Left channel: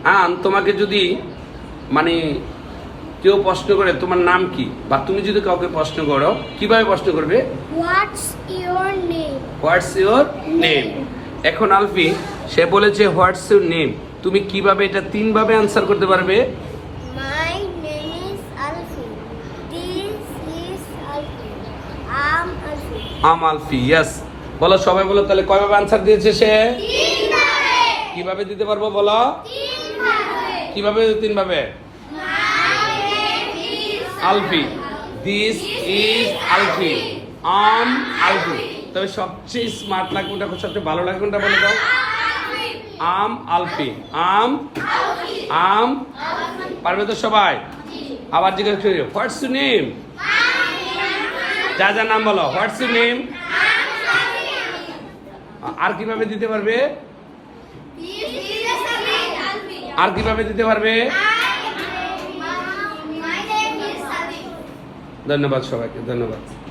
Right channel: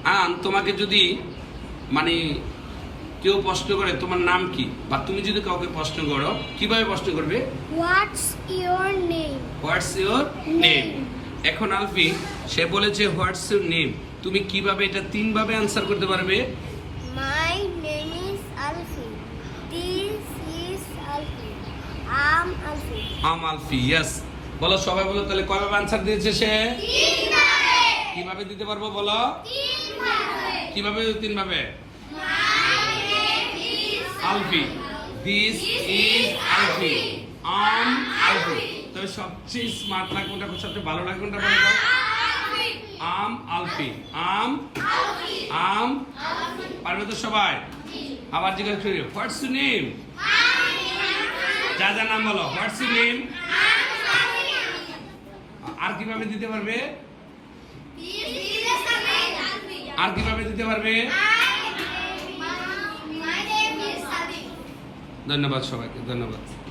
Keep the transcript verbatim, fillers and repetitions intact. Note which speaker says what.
Speaker 1: আন তোমাকে যদি মানে কেউ প্রশ্ন করে তোমার নাম কি, বা তুমি যদি কাউকে প্রশ্ন করো, কিভাবে প্রশ্ন করবে?
Speaker 2: What's your name?
Speaker 1: What's your name. এখন আলফি সে বলেছে হোয়াটস ইওর নেম, তুমি কিভাবে এটা তিন ভাবে আনসার করতে পারবে?
Speaker 2: My name is Alfi. This is Alfi. I'm আলফি।
Speaker 1: আম আলফি, ইয়েস। বলো সবাই বলো, তাহলে কয়ভাবে আনসার দিয়েছে সে?
Speaker 2: তিন ভাবে।
Speaker 1: কিভাবে দিতে পারবো বলো?
Speaker 2: তিন ভাবে।
Speaker 1: কিভাবে তিন ভাবে?
Speaker 2: My name is
Speaker 1: Alfi, this is Alfi, I'm আলফি। তবে সবচেয়ে স্মার্ট লাগে কোনটা, সবচেয়ে ভালো লাগে কোনটা বলে দাও?
Speaker 2: আলফি।
Speaker 1: আম আলফি, আম
Speaker 2: আলফি।
Speaker 1: আম। পারবে তো সবাই? আবার জিজ্ঞেস করি, হোয়াটস ইউর নেম? যা যা নাম বলো, হোয়াটস ইউর নেম। আর কিভাবে দিতে পারবে? আর কিভাবে দিতে পারবে? ধন্যবাদ সবাইকে, ধন্যবাদ।